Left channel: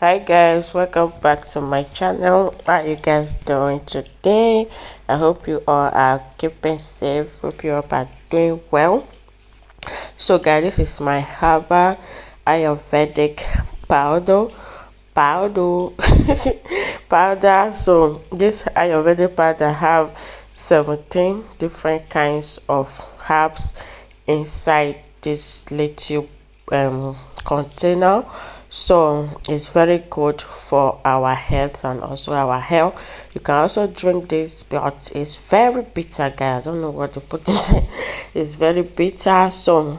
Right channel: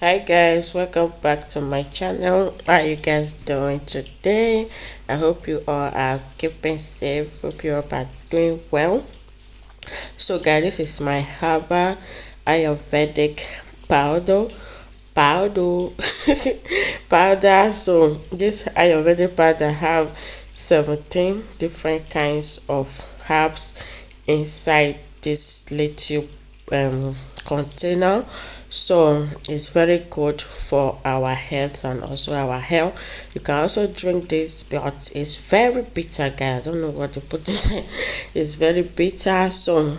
Hi guys, welcome back to my channel. How are you guys doing today? I hope you all are keeping safe. Hope you all are doing well. So guys, this is my herbal ayurvedic powder powder powder. So this ayurvedic powder have 17 different kinds of herbs inside this little container. So it's very good for our health and also our health. You can also drink this, but it's very bitter, guys. I don't know what to put this in. It's very bitter. So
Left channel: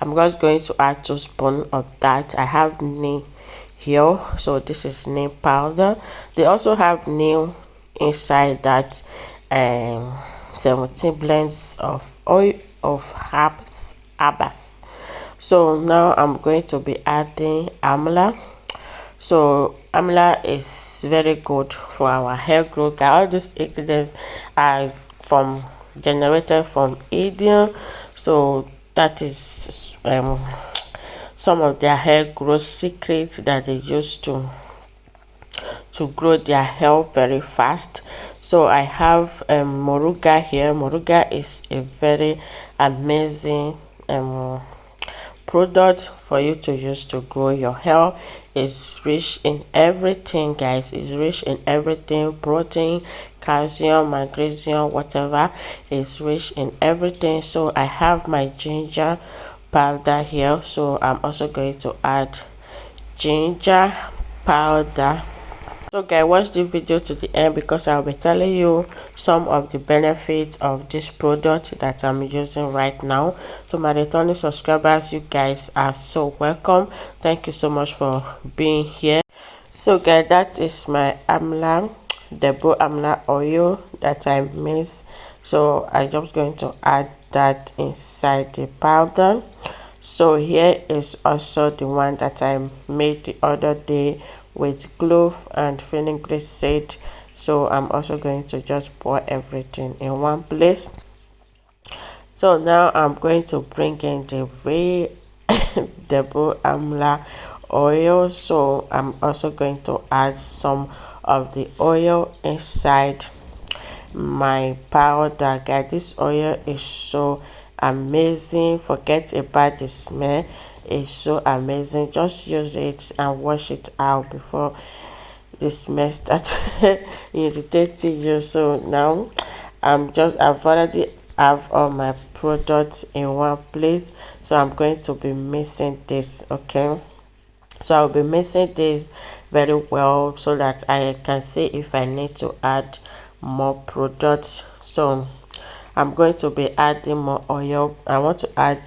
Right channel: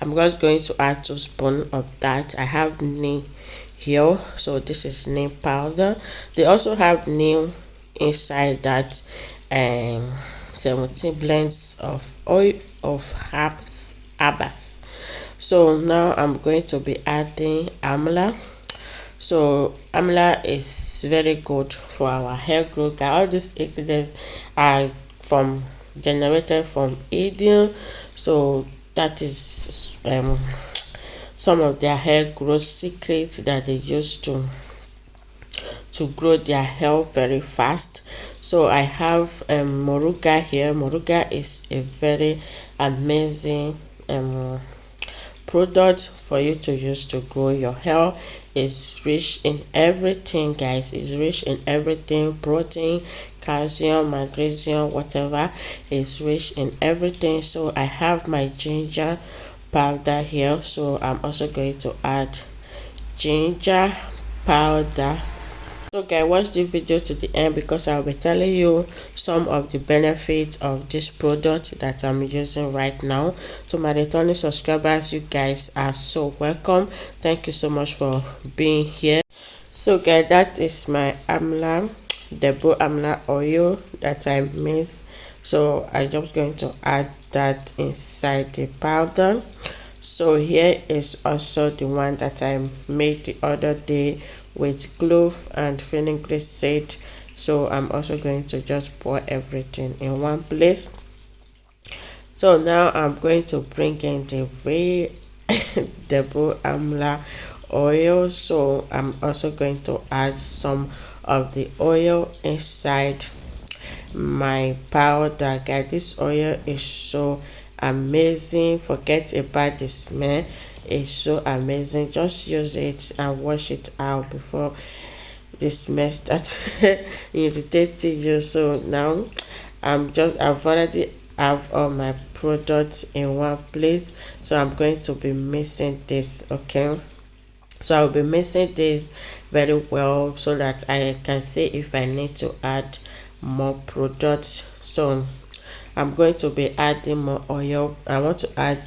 I'm just going to add 2 spoons of that. I have neem here, so this is neem powder. They also have neem inside that 17 blends of oil of herbs. So now I'm going to be adding amla. So amla is very good for our hair growth. All these ingredients are from generated from India. So that is some of their hair growth secrets that they use to grow their hair very fast. So I have moringa here. Moringa is a very amazing product for you to use to grow your hair. Is rich in everything, guys. It's rich in everything: protein, calcium, magnesium, whatever. Is rich in everything. So I have my ginger powder here, so I'm also going to add ginger powder. So guys, watch the video to the end because I'll be telling you some of the benefits of this product that I'm using right now. To my returning subscribers, you guys are so welcome. Thank you so much for being here. So guys, that is my amla, dabul amla oil that I mix. So I'm just going to add that inside the powder. So here is also the one that I made the other day with clove and fenugreek seed. So I'm also going to just pour everything in one place. So now I'm going to bring in the dabul amla oil. So I'm also going to add some of the oil inside my powder, guys. This oil is so amazing. Forget about the smell. It's so amazing. Just use it and wash it out before the smell starts irritating you. So now I've already have all my products in one place, so I'm going to be mixing this. Okay, so I'll be mixing this very well so that I can see if I need to add more products. So I'm going to be adding more oil. I want to add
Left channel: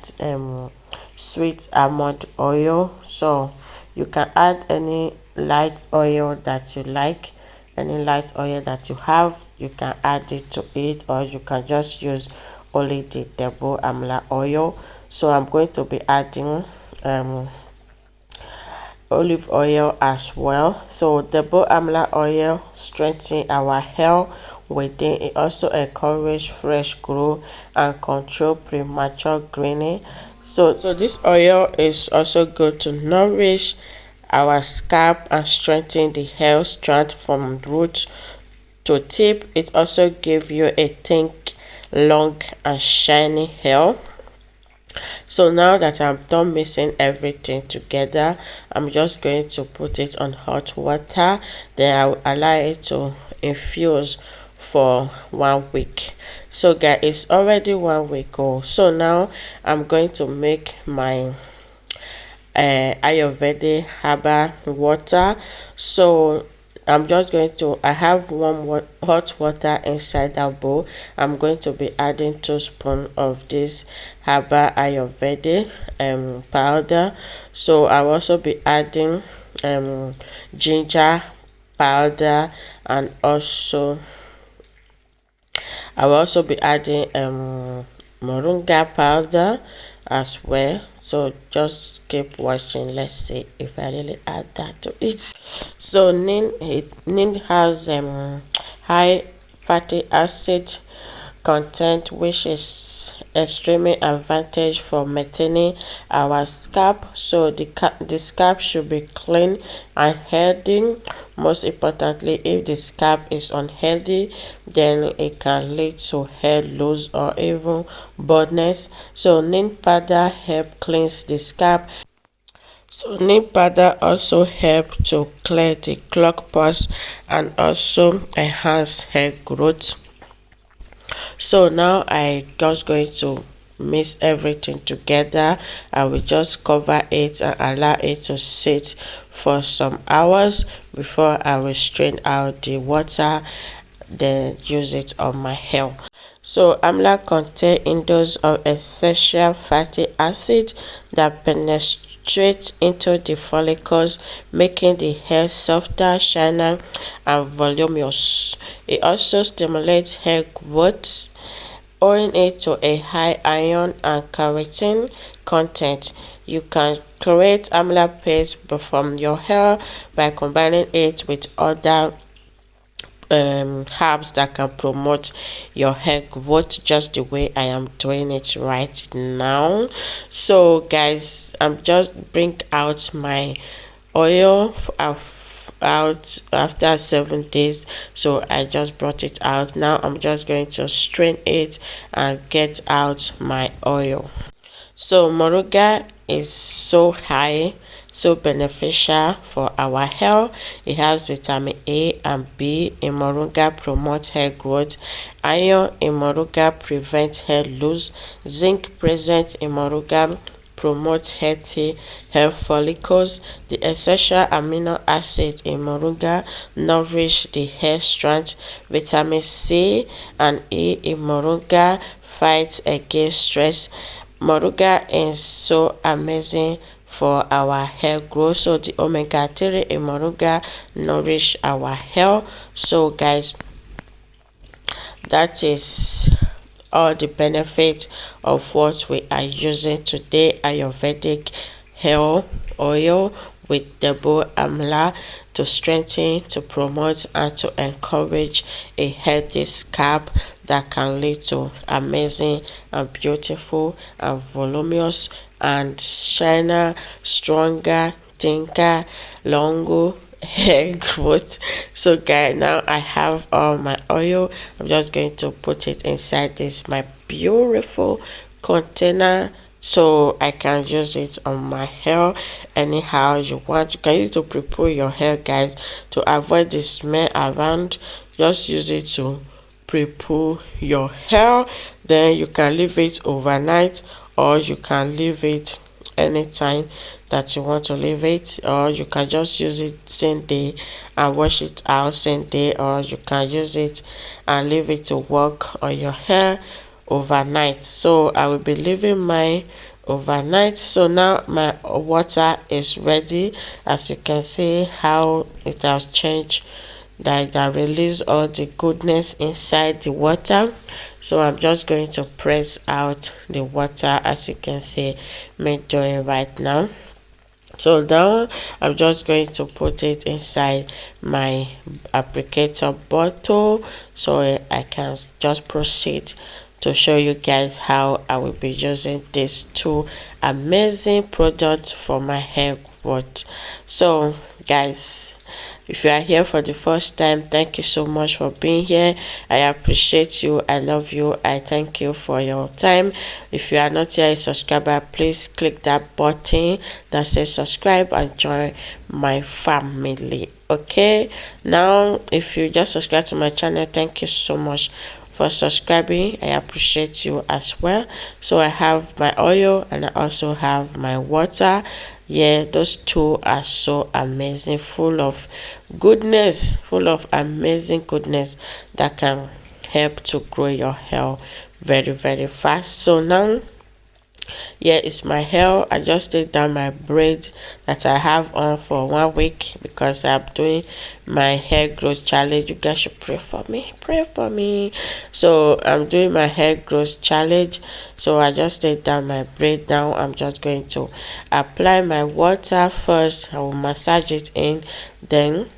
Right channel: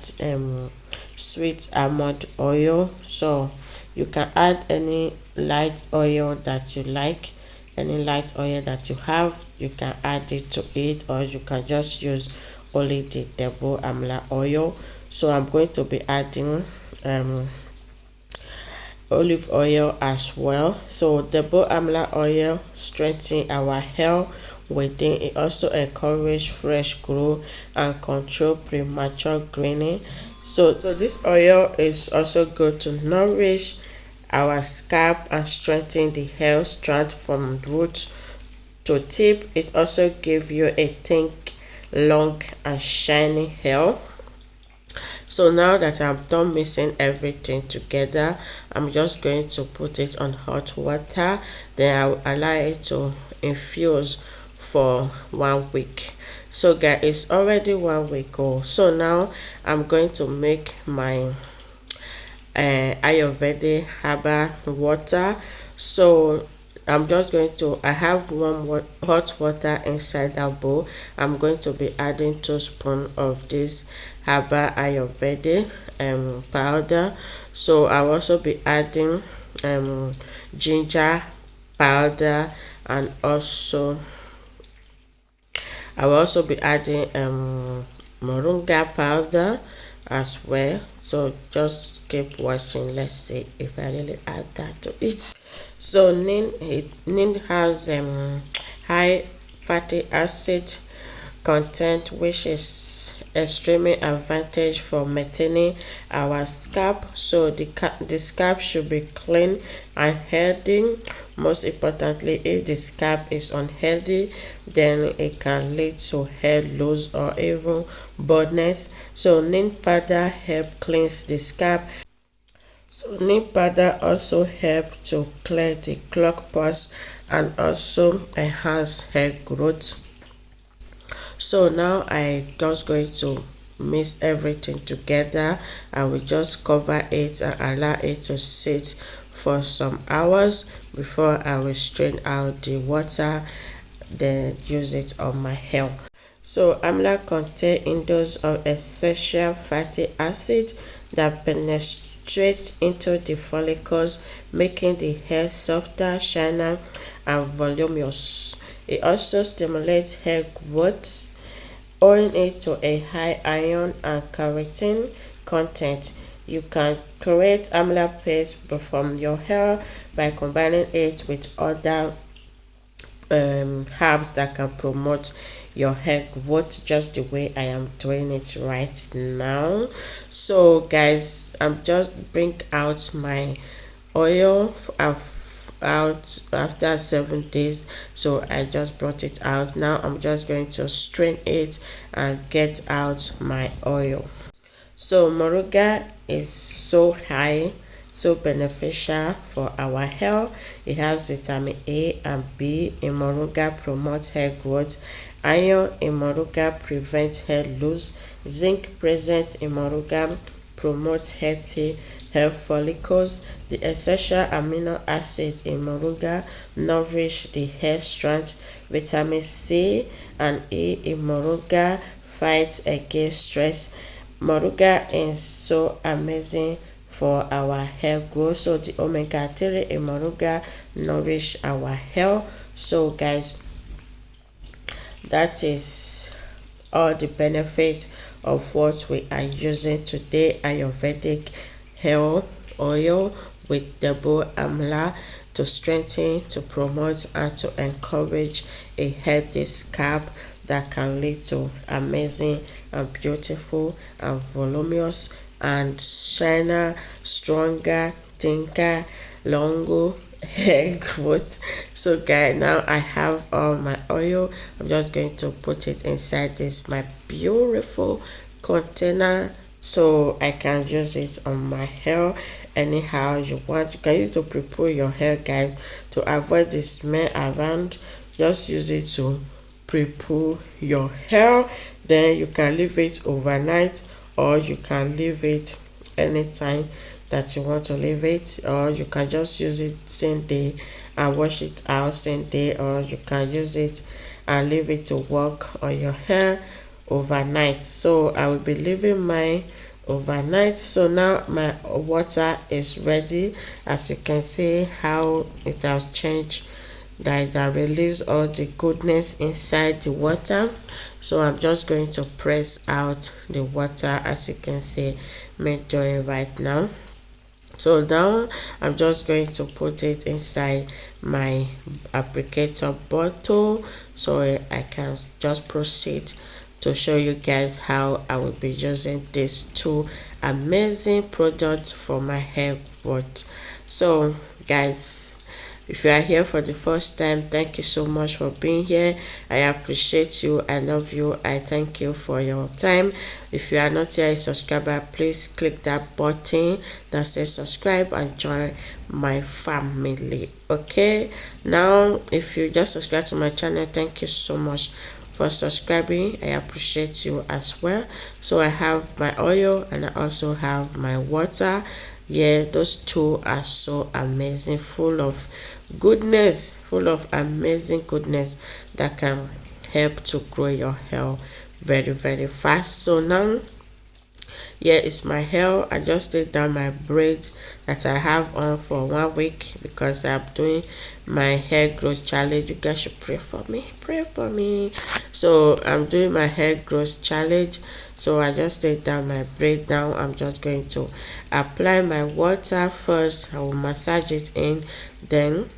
sweet almond oil. So you can add any light oil that you like, any light oil that you have, you can add it to it, or you can just use only the dabul amla oil. So I'm going to be adding olive oil as well. So dabul amla oil strengthens our hair within. It also encourages fresh growth and control premature greening. So this oil is also good to nourish our scalp and strengthen the hair strand from root to tip. It also gives you a thick, long and shiny hair. So now that I'm done mixing everything together, I'm just going to put it on hot water. Then I will allow it to infuse for 1 week. So guys, it's already 1 week old. So now I'm going to make my ayurvedic herbal water. So I'm just going to, I have hot water inside that bowl. I'm going to be adding 2 spoons of this herbal ayurvedic powder. So I'll also be adding ginger powder, and also I will also be adding moringa powder as well. So just keep watching. Let's see if I really add that to it. So neem has high fatty acid content, which is extremely advantage for maintaining our scalp. So the scalp should be clean and healthy. Most importantly, if the scalp is unhealthy, then it can lead to hair loss or even baldness. So neem powder help cleanse the scalp. So neem powder also help to clear the clogged pores and also enhance hair growth. So now I just going to mix everything together. I will just cover it and allow it to sit for some hours before I will strain out the water, then use it on my hair. So amla contain indole of essential fatty acid that penetrate into the follicles, making the hair softer, shinier, and voluminous. It also stimulates hair growth, owing it to a high iron and keratin content. You can create amla paste from your hair by combining it with other herbs that can promote your hair growth, just the way I am doing it right now. So guys, I'm just bring out my oil out after 7 days. So I just brought it out. Now I'm just going to strain it and get out my oil. So moringa is so high, so beneficial for our hair. It has vitamin A and B in moringa, promotes hair growth. Iron in moringa prevents hair loss. Zinc present in moringa promotes healthy hair follicles. The essential amino acid in moringa nourish the hair strands. Vitamin C and E in moringa fights against stress. Moringa is so amazing for our hair growth. So the omega-3 in moringa nourish our hair. So guys, that is all the benefits of what we are using today: ayurvedic hair oil with dabul amla to strengthen, to promote, and to encourage a healthy scalp that can lead to amazing and beautiful and voluminous and shiner, stronger, thicker, longer hair growth. So guys, now I have all my oil. I'm just going to put it inside this my beautiful container so I can use it on my hair anyhow you want. You can use it to prepare your hair, guys, to avoid the smell around. Just use it to prepare your hair. Then you can leave it overnight, or you can leave it anytime that you want to leave it, or you can just use it same day and wash it out same day, or you can use it and leave it to work on your hair overnight. So I will be leaving mine overnight. So now my water is ready. As you can see how it has changed, that release all the goodness inside the water. So I'm just going to press out the water, as you can see me doing right now. So now I'm just going to put it inside my applicator bottle so I can just proceed to show you guys how I will be using these two amazing products for my hair growth. So guys, if you are here for the first time, thank you so much for being here. I appreciate you. I love you. I thank you for your time. If you are not yet a subscriber, please click that button that says subscribe and join my family. Okay, now if you just subscribe to my channel, thank you so much for subscribing. I appreciate you as well. So I have my oil and I also have my water. Yeah, those two are so amazing, full of goodness, full of amazing goodness that can help to grow your hair very fast. So now here is my hair. I just take down my braid that I have on for 1 week because I'm doing my hair growth challenge. You guys should pray for me. So I'm doing my hair growth challenge. So I just take down my braid. Now I'm just going to apply my water first. I will massage it in, then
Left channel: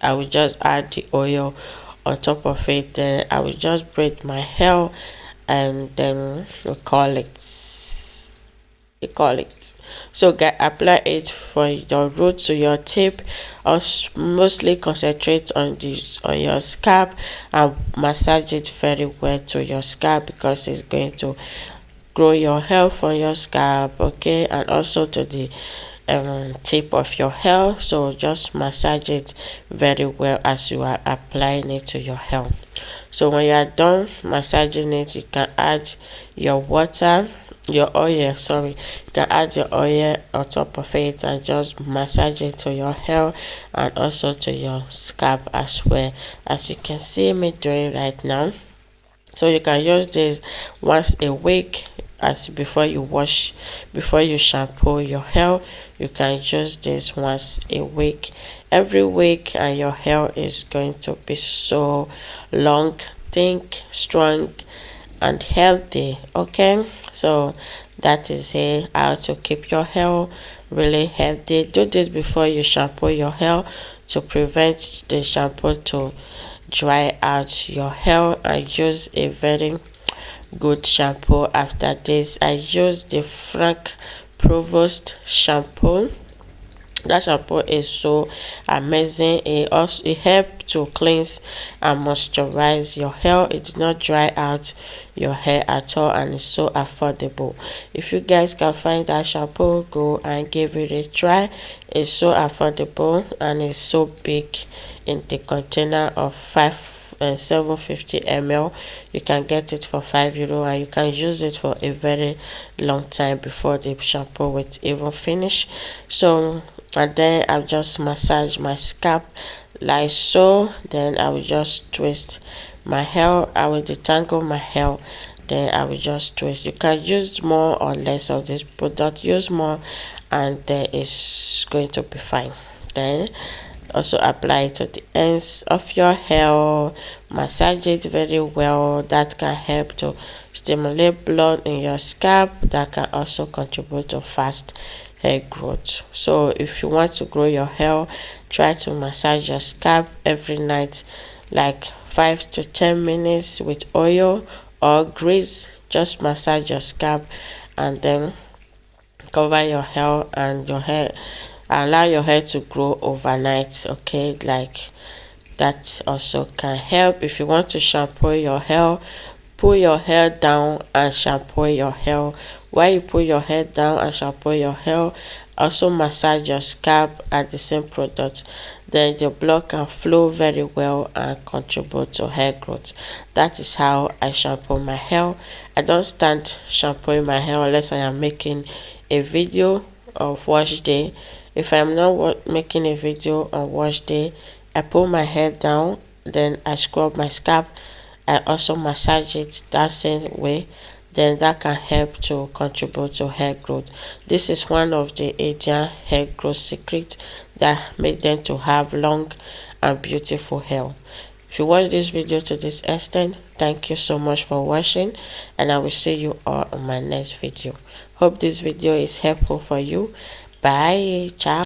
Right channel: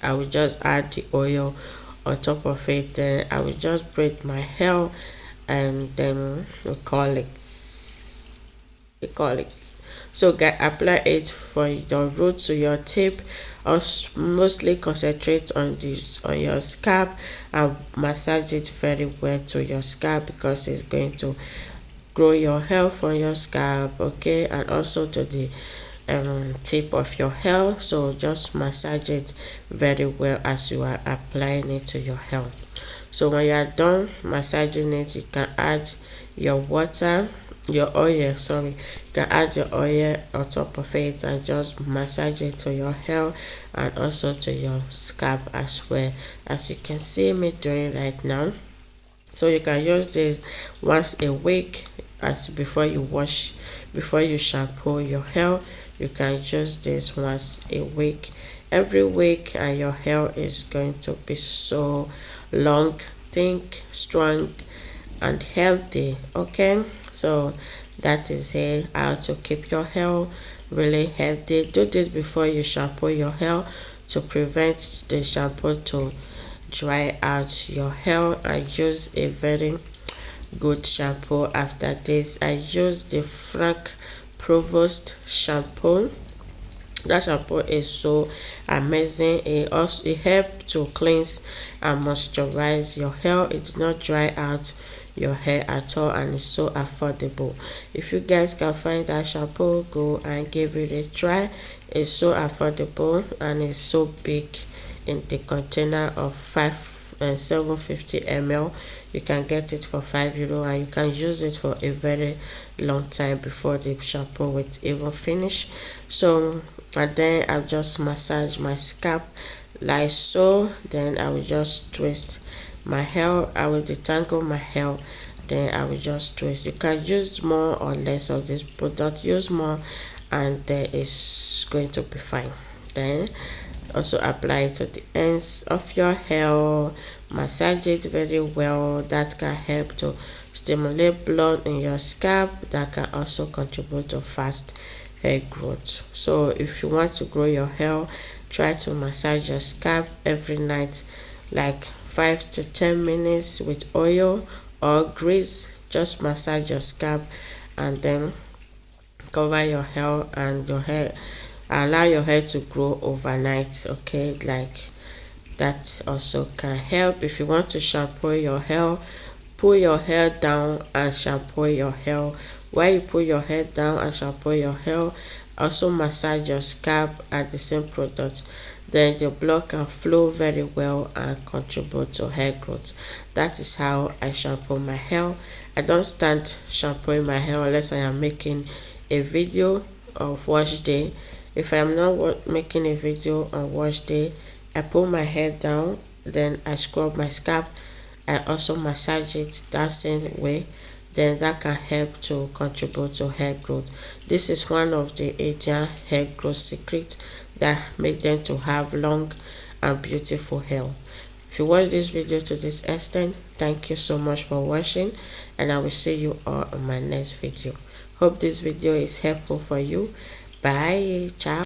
I will just add the oil on top of it. Then I will just braid my hair and then we call it. So get apply it for your root to your tip, or mostly concentrate on this on your scalp and massage it very well to your scalp, because it's going to grow your hair from your scalp, okay, and also to the tip of your hair. So just massage it very well as you are applying it to your hair. So when you are done massaging it, you can add your water, your oil, sorry, you can add your oil on top of it and just massage it to your hair and also to your scalp as well, as you can see me doing right now. So you can use this once a week, as before you shampoo your hair. You can use this once a week, every week, and your hair is going to be so long, thick, strong, and healthy. Okay, so that is it, how to keep your hair really healthy. Do this before you shampoo your hair to prevent the shampoo to dry out your hair, and use a very good shampoo. After this, I use the Frank Provost shampoo. That shampoo is so amazing. It helps to cleanse and moisturize your hair. It did not dry out your hair at all, and it's so affordable. If you guys can find that shampoo, go and give it a try. It's so affordable and it's so big in the container of 750 ml. You can get it for €5, and you can use it for a very long time before the shampoo will even finish. So, and then I'll just massage my scalp like so. Then I will just twist my hair. I will detangle my hair, then I will just twist. You can use more or less of this product, use more, and then it's going to be fine. Then also apply it to the ends of your hair, massage it very well. That can help to stimulate blood in your scalp. That can also contribute to fast hair growth. So if you want to grow your hair, try to massage your scalp every night, like 5 to 10 minutes with oil or grease. Just massage your scalp and then cover your hair, and your hair, allow your hair to grow overnight. Okay, like that also can help. If you want to shampoo your hair, pull your hair down and shampoo your hair. While you pull your hair down and shampoo your hair, also massage your scalp at the same product. Then your blood can flow very well and contribute to hair growth. That is how I shampoo my hair. I don't stand shampooing my hair unless I am making a video of wash day. If I'm not making a video on wash day, I pull my hair down, then I scrub my scalp. I also massage it that same way. Then that can help to contribute to hair growth. This is one of the Asian hair growth secrets that make them to have long and beautiful hair. If you watch this video to this extent, thank you so much for watching, and I will see you all on my next video. Hope this video is helpful for you. Bye. Ciao.